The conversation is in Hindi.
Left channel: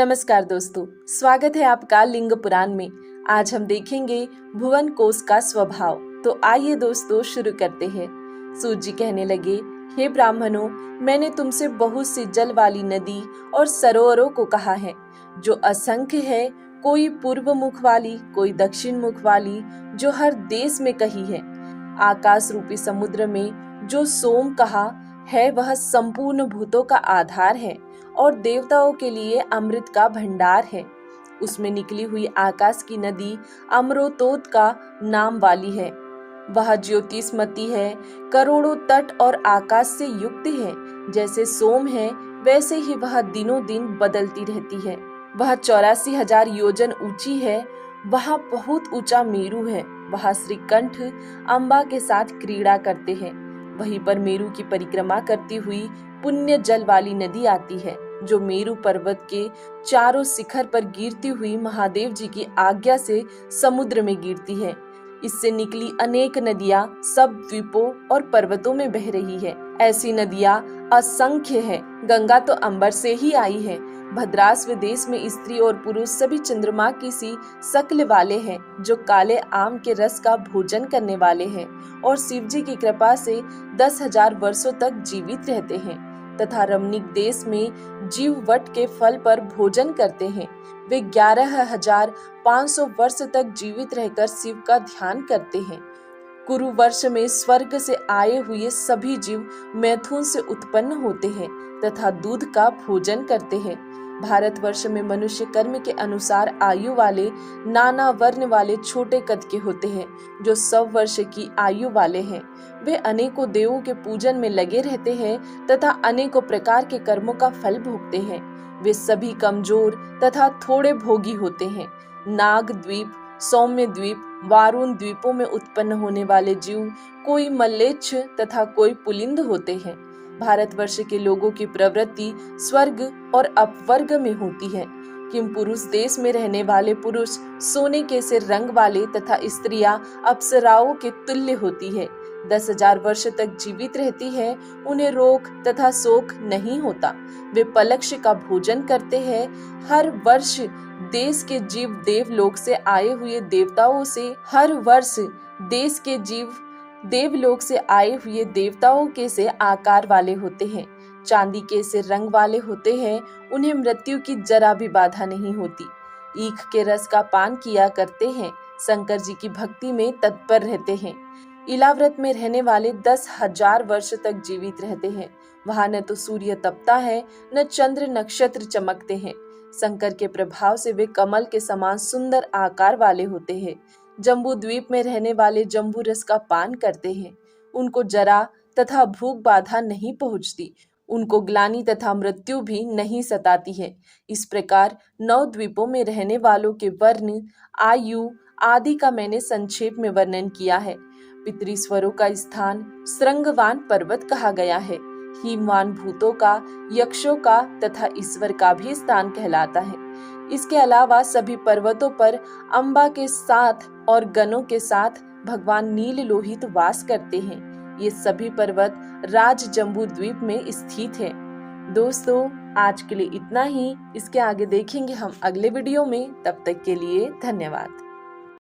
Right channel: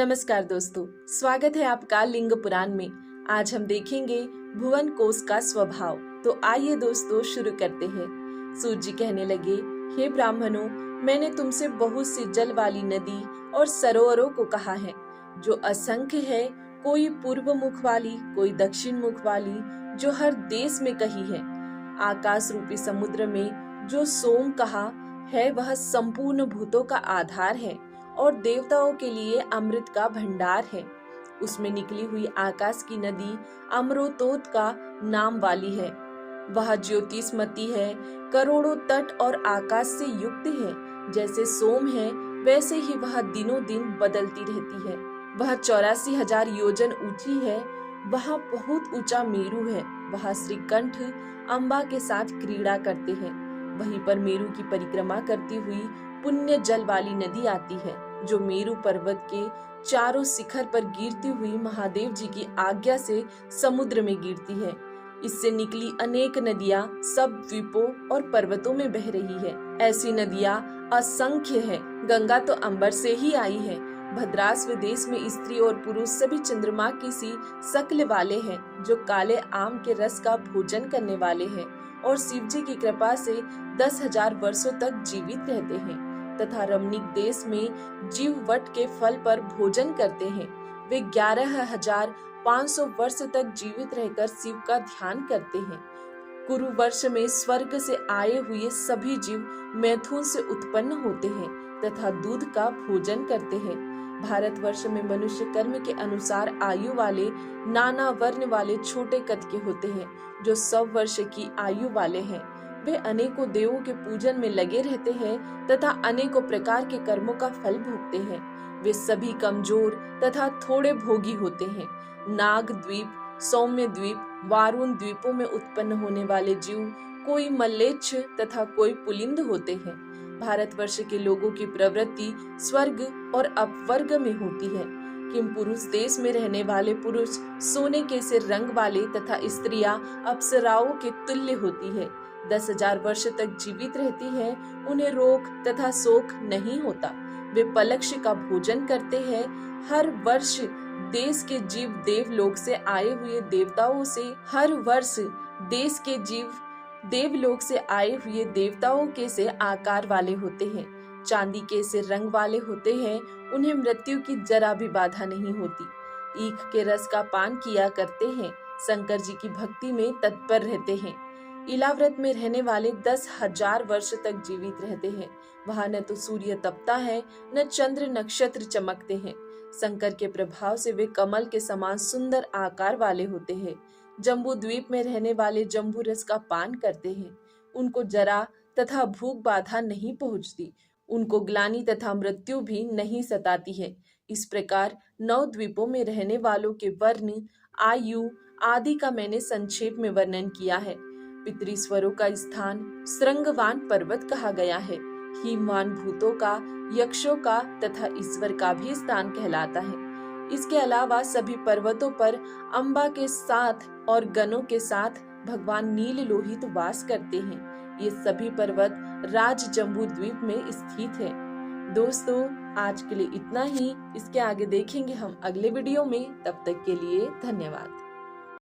नमस्कार दोस्तों, स्वागत है आपका लिंग पुराण में। आज हम देखेंगे भुवन कोश का स्वभाव। तो आइए दोस्तों शुरू करते हैं। सूत जी कहने लगे, हे ब्राह्मणों, मैंने तुमसे बहुत सी जल वाली नदी और सरोवरों को कहा है, जो असंख्य है, कोई पूर्व मुख वाली, कोई दक्षिण मुख वाली, जो हर देश में कही है। आकाश रूपी समुद्र में जो सोम कहा है, वह संपूर्ण भूतों का आधार है और देवताओं के लिए अमृत का भंडार है। उसमें निकली हुई आकाश की नदी अमृतोद का नाम वाली है। वह ज्योतिषमती है, करोड़ों तट और आकाश से युक्त है। जैसे सोम है, वैसे ही वह दिनों दिन बदलती रहती है। वह 84,000 योजन ऊंची है। वह बहुत ऊंचा मेरु है। वह श्रीकंठ अम्बा के साथ क्रीड़ा करते हैं। वहीं पर मेरु की परिक्रमा करती हुई पुण्य जल वाली नदी आती है, जो मेरु पर्वत के चारों शिखर पर गिरती हुई महादेव जी की आज्ञा से समुद्र में गिरती है। इससे निकली अनेक नदियां सब द्वीपों और पर्वतों में बह रही है। ऐसी नदियां असंख्य है। गंगा तो अंबर से ही आई है। भद्रास्व देश में स्त्री और पुरुष सभी चंद्रमा की सी शक्ल वाले हैं, जो काले आम के रस का भोजन करने वाले हैं और शिव जी की कृपा से 10,000 वर्षों तक जीवित रहते हैं तथा रमणीक देश में जीव वट के फल पर भोजन करते हैं। वे 11,500 वर्ष तक जीवित रहकर शिव का ध्यान करते हैं। कुरु वर्ष में स्वर्ग से आए हुए सभी जीव मैथुन से उत्पन्न होते हैं तथा दूध का भोजन करते हैं। भारतवर्ष में मनुष्य कर्म के अनुसार आयु वाले नाना वर्ण वाले छोटे कद के होते हैं, जो 100 वर्ष की आयु वाले हैं। वे अनेकों देवों के पूजन में लगे रहते हैं तथा अनेकों प्रकार के कर्मों का फल भोगते हैं। वे सभी कमजोर तथा थोड़े भोगी होते हैं। नाग द्वीप, सौम्य द्वीप, वारुण द्वीपों में उत्पन्न होने वाले जीव कोई मल्लेच्छ तथा कोई पुलिंद होते हैं। भारतवर्ष के लोगों की प्रवृत्ति स्वर्ग और अपवर्ग में होती है। किम पुरुष देश में रहने वाले पुरुष सोने के से रंग वाले तथा स्त्रियां अप्सराओं के तुल्य होती है। 10,000 वर्ष तक जीवित रहती है। उन्हें रोग तथा शोक नहीं होता। वे पलक्ष का भोजन करते हैं। हर वर्ष देश के जीव देवलोक से आए हुए देवताओं के से आकार वाले होते हैं। चांदी के से रंग वाले होते हैं। उन्हें मृत्यु की जरा भी बाधा नहीं होती। ईख के रस का पान किया करते हैं। शंकर जी की भक्ति में तत्पर रहते हैं। इलाव्रत में रहने वाले 10,000 वर्ष तक जीवित रहते हैं। वहां न तो सूर्य तपता है, न चंद्र नक्षत्र चमकते हैं। शंकर के प्रभाव से वे कमल के समान सुंदर आकार वाले होते हैं। जम्बू द्वीप में रहने वाले जम्बू रस का पान करते हैं। उनको जरा तथा भूख बाधा नहीं पहुंचती। उनको ग्लानि तथा मृत्यु भी नहीं सताती है। इस प्रकार 9 द्वीपों में रहने वालों के वर्ण, आयु आदि का मैंने संक्षेप में वर्णन किया है। पितृस्वरों का स्थान श्रृंगवान पर्वत कहा गया है। हिमवान भूतों का, यक्षों का तथा ईश्वर का भी स्थान कहलाता है। इसके अलावा सभी पर्वतों पर अम्बा के साथ और गणों के साथ भगवान नील लोहित वास करते हैं। ये सभी पर्वत राज जम्बू द्वीप में स्थित है। दोस्तों, आज के लिए इतना ही। इसके आगे देखेंगे हम अगले वीडियो में। तब तक के लिए धन्यवाद।